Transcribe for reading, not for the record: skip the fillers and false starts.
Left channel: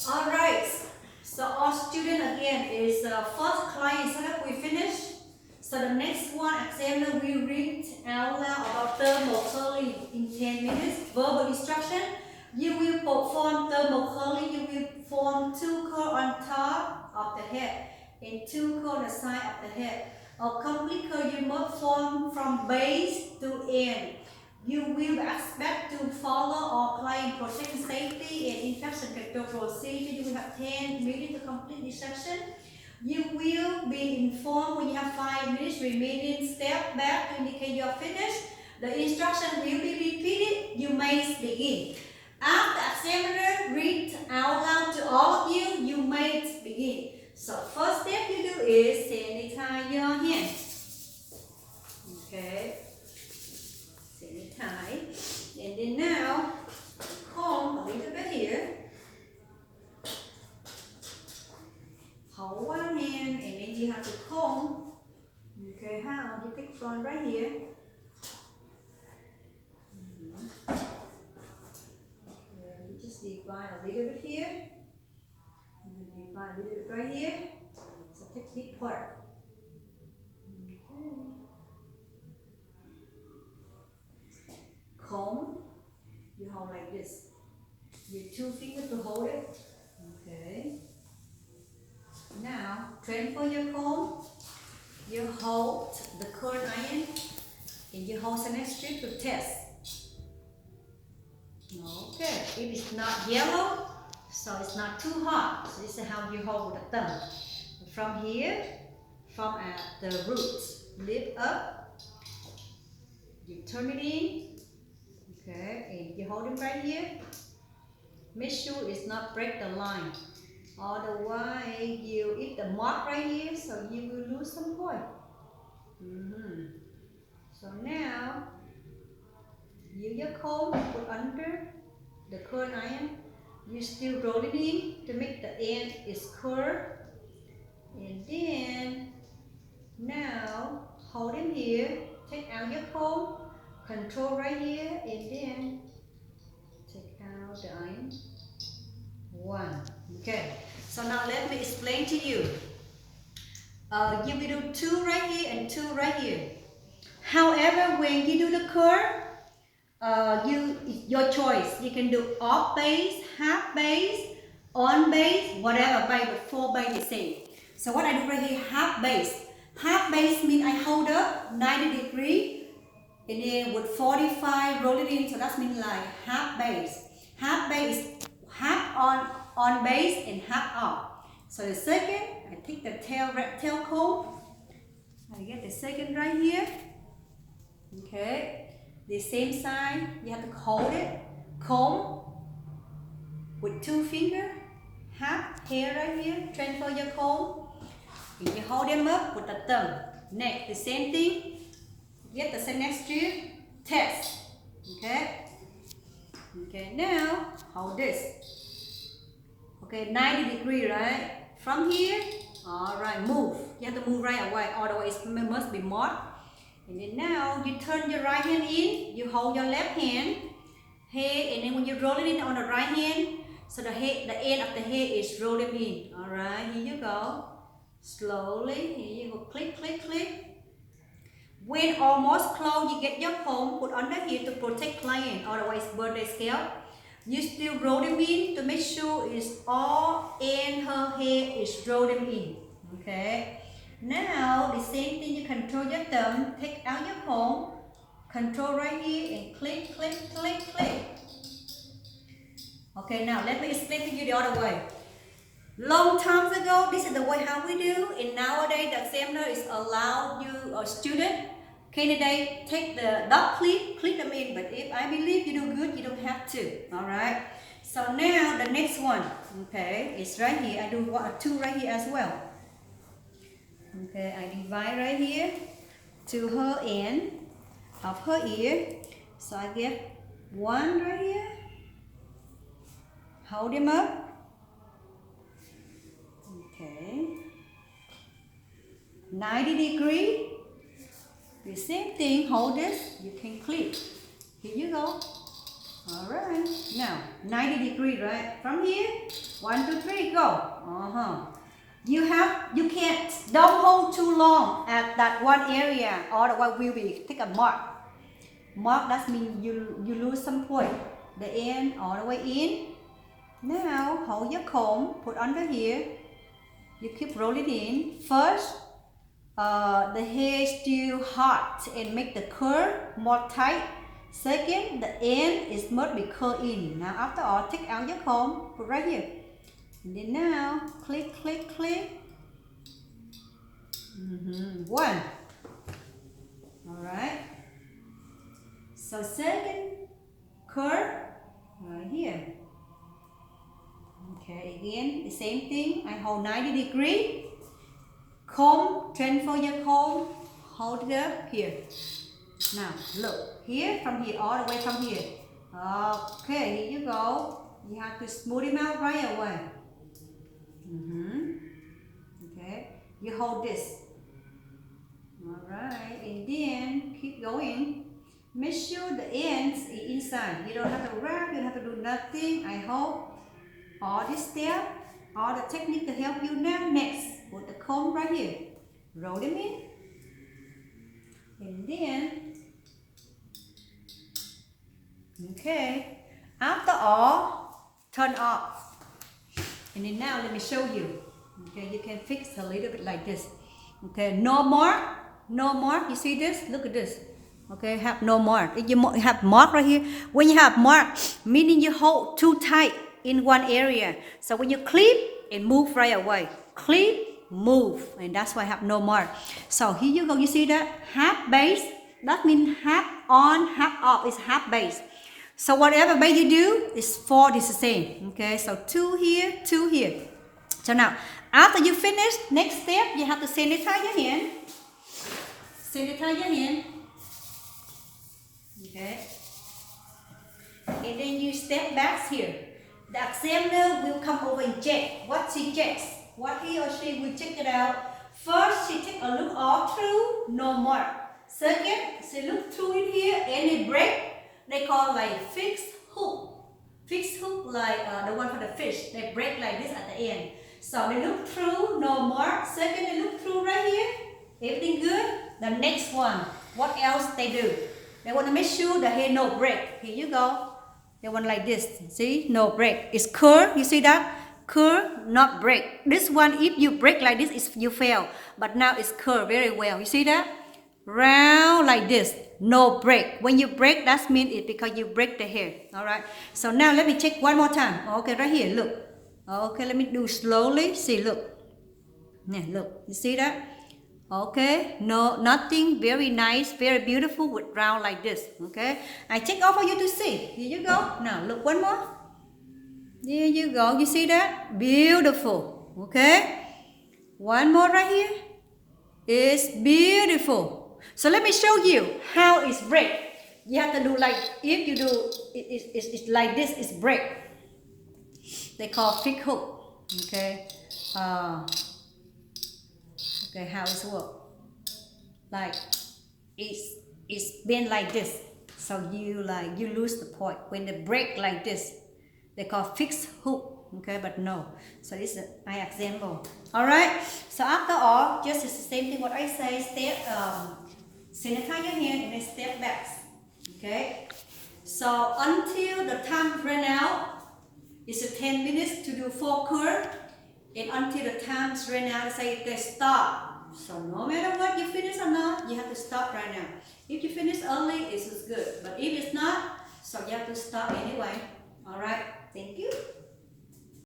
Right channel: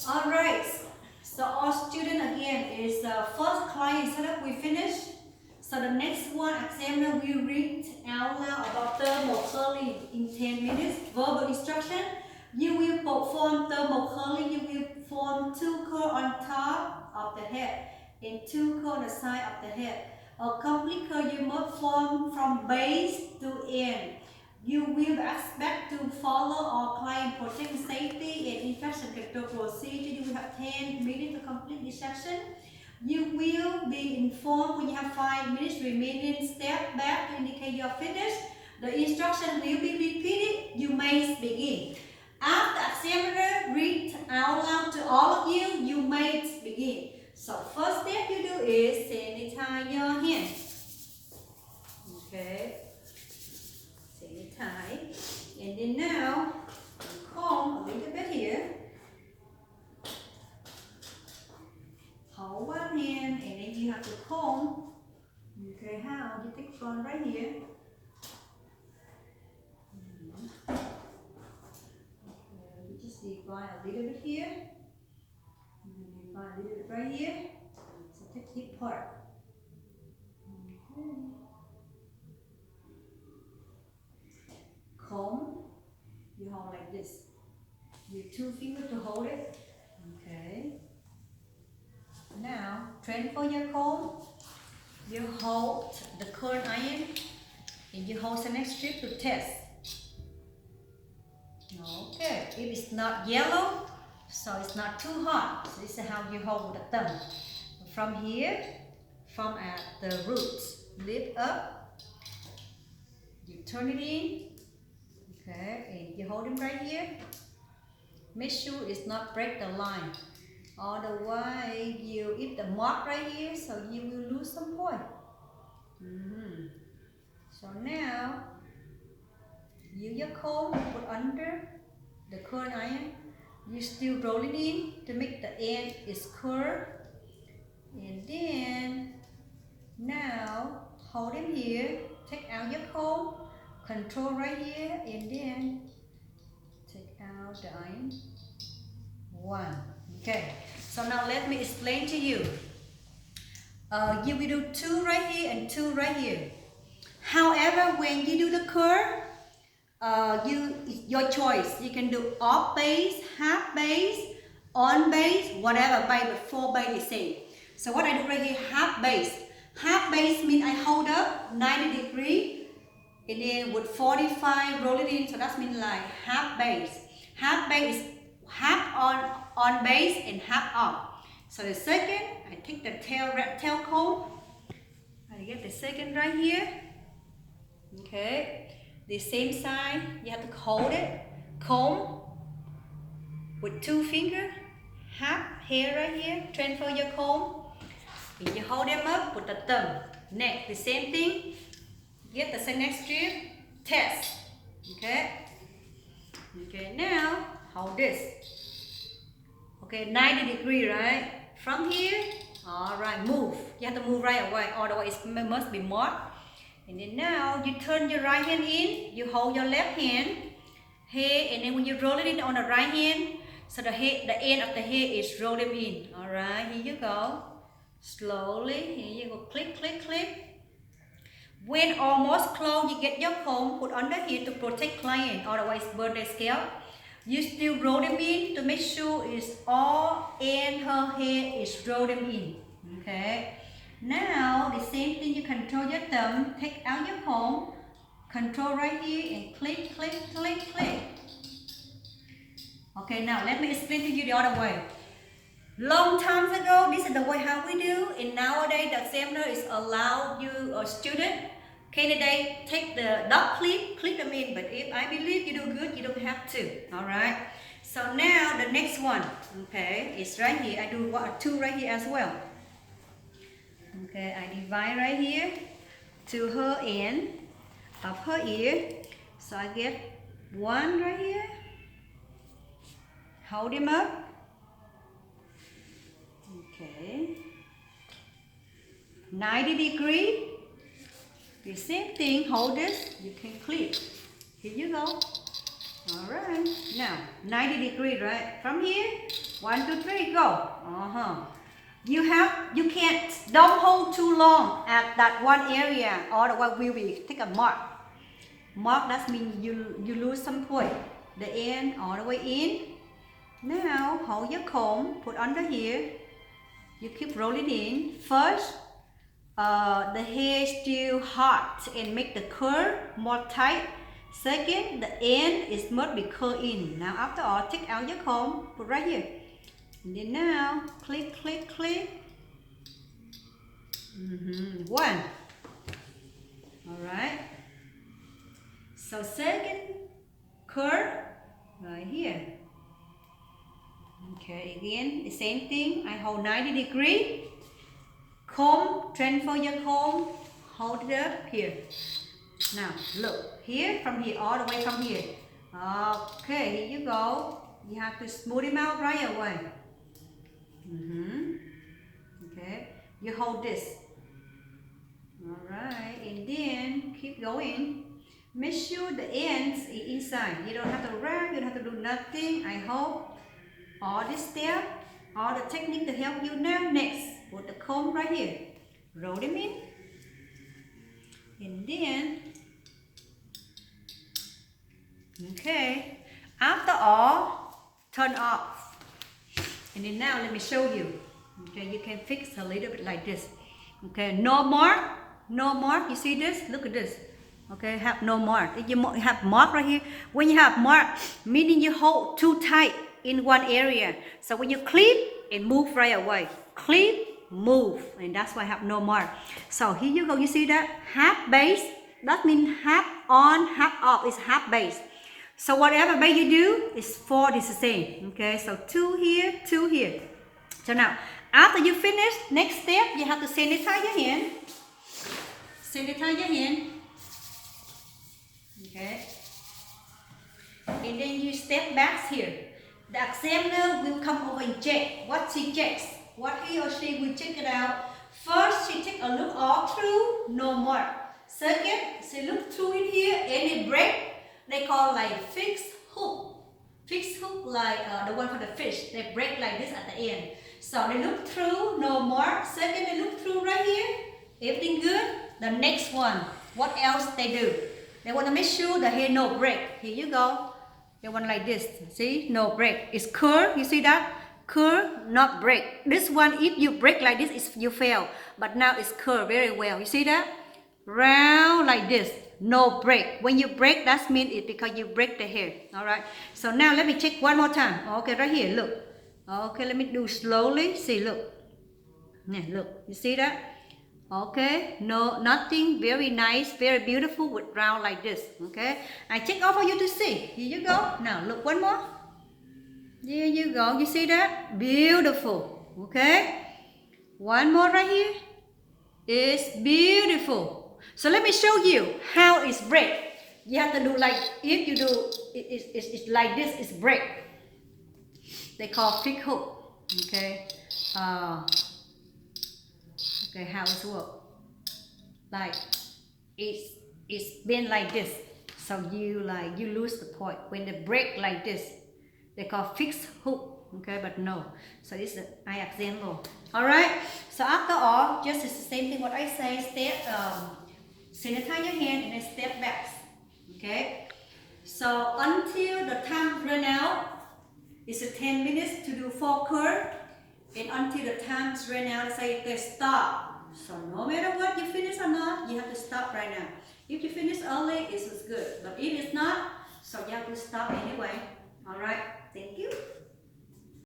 Alright, so our student again is first client setup we finished. So the next one examiner will read out loud about thermal curling in 10 minutes. Verbal instruction. You will perform thermal curling. You will form two curls on top of the head and two curls on the side of the head. A complete curl you must form from base to end. You will expect to follow all client protection safety and infection control procedure. You will have 10 minutes to complete this section. You will be informed when you have 5 minutes remaining. Step back to indicate you are finished. The instruction will be repeated. You may begin. After examiner read out loud to all of you, you may begin. So first step you do is sanitize your hands. Okay. Sanitize. And then now comb a little bit here. Hold one hand and then you have to comb. Okay, how? You take front right here. Okay, you just divide a little bit here. And then divide a little bit right here. So take this part. Okay. Comb. You hold like this. Your 2 fingers to hold it. Okay. Now, transfer your comb. You hold the current iron and you hold the next strip to test. Okay, if it's not yellow, so it's not too hot. So this is how you hold with the thumb. From here, from at the roots, lift up. You turn it in. Okay, and you hold it right here. Make sure it's not break the line. Otherwise, you hit the mark right here, so you will lose some point. So now, use your comb, put under the current iron. You still roll it in to make the end is curved. And then, now, hold it here, take out your comb, control right here, and then take out the iron. 1. Okay, so now let me explain to you. You will do 2 right here and 2 right here. However, when you do the curve, your choice. You can do off base, half base, on base, whatever base, but 4 base is same. So what I do right here, half base. Half base means I hold up 90 degrees and then with 45 roll it in, so that means like half base. Half base is half on base and half off. So the second, I take the tail comb. I get the second right here. Okay. The same side, you have to hold it, comb with 2 fingers, half hair right here, transfer your comb, and you hold them up with the thumb. Next, the same thing, get the next strip, test. Okay. Okay, now hold this. Okay, 90 degrees, right? From here, alright, move. You have to move right away, otherwise it must be marked. And then now you turn your right hand in, you hold your left hand, head, and then when you roll it in on the right hand, so the end of the head is rolling in. Alright, here you go. Slowly, here you go, click, click, click. When almost closed, you get your comb put under here to protect client, otherwise burn the scalp. You still roll them in to make sure it's all in her hair is rolling in. Okay. Now the same thing, you control your thumb, take out your comb, control right here and click, click, click, click. Okay, now let me explain to you the other way. Long times ago, this is the way how we do, and nowadays the examiner is allowed you, a student, candidate, take the dot click them in, but if I believe you do good, you don't have to, alright? So now the next one, okay, is right here. I do 2 right here as well. Okay, I divide right here to her end of her ear. So I get 1 right here. Hold him up. Okay. 90 degrees. The same thing, hold this. You can clip. Here you go. All right. Now 90 degree, right? From here, 1, 2, 3, go. You can't, don't hold too long at that one area, otherwise we will take a mark. Mark, that means you lose some point. The end all the way in. Now hold your comb, put under here. You keep rolling in. First, the hair is still hot and make the curl more tight. Second, the end is must be curled in. Now after all, take out your comb, put right here. And then now, click, click, click. One. Alright. So second curl right here. Okay, again, the same thing. I hold 90 degree. Comb, transfer your comb, hold it up here. Now look, here, from here, all the way from here. Okay, here you go. You have to smooth him out right away. Okay, you hold this. Alright, and then keep going. Make sure the ends is inside. You don't have to wrap, you don't have to do nothing. I hope all this step, all the technique to help you now. Next, put the comb right here. Roll them in. And then, okay, after all, turn off. And then now let me show you. Okay, you can fix a little bit like this. Okay, no mark, no mark. You see this? Look at this. Okay, have no mark. If you have mark right here, when you have mark, meaning you hold too tight in one area. So when you clip, it move right away. Clip, move, and that's why I have no mark. So here you go. You see that half base? That means half on, half off. It's half base. So whatever base you do, is 4 is the same. Okay, so 2 here, 2 here. So now, after you finish, next step, you have to sanitize your hand. Sanitize your hand. Okay. And then you step back here. The examiner will come over and check what she checks. What he or she will check it out. First, she take a look all through, no mark. Second, she look through in here, any break, they call like fixed hook. Fixed hook like the one for the fish. They break like this at the end. So they look through, no mark. Second, they look through right here. Everything good. The next one, what else they do? They want to make sure the hair no break. Here you go. They want like this. See, no break. It's curl. You see that? Curl, not break. This one, if you break like this, you fail. But now it's curl very well. You see that? Round like this. No break. When you break, that means it's because you break the hair. Alright. So now let me check one more time. Okay, right here. Look. Okay, let me do slowly. See, look. Now, look. You see that? Okay, no, nothing, very nice, very beautiful with round like this. Okay, I take off for you to see. Here you go. Now look one more. There you go. You see that? Beautiful. Okay, one more right here. It's beautiful. So let me show you how it's break. You have to do like, if you do it's like this, it's break. They call fixed hook. Okay. Okay, how it work? Like it's been like this, so you lose the point. When they break like this, they call fixed hook. Okay, but no. So this is an example. All right. So after all, just it's the same thing. What I say, step sanitize your hand and then step back. Okay. So until the time run out, it's 10 minutes to do 4 curl. And until the time is ran out, say they stop. So no matter what you finish or not, you have to stop right now. If you finish early, it's good. But if it's not, so you have to stop anyway. Alright, thank you.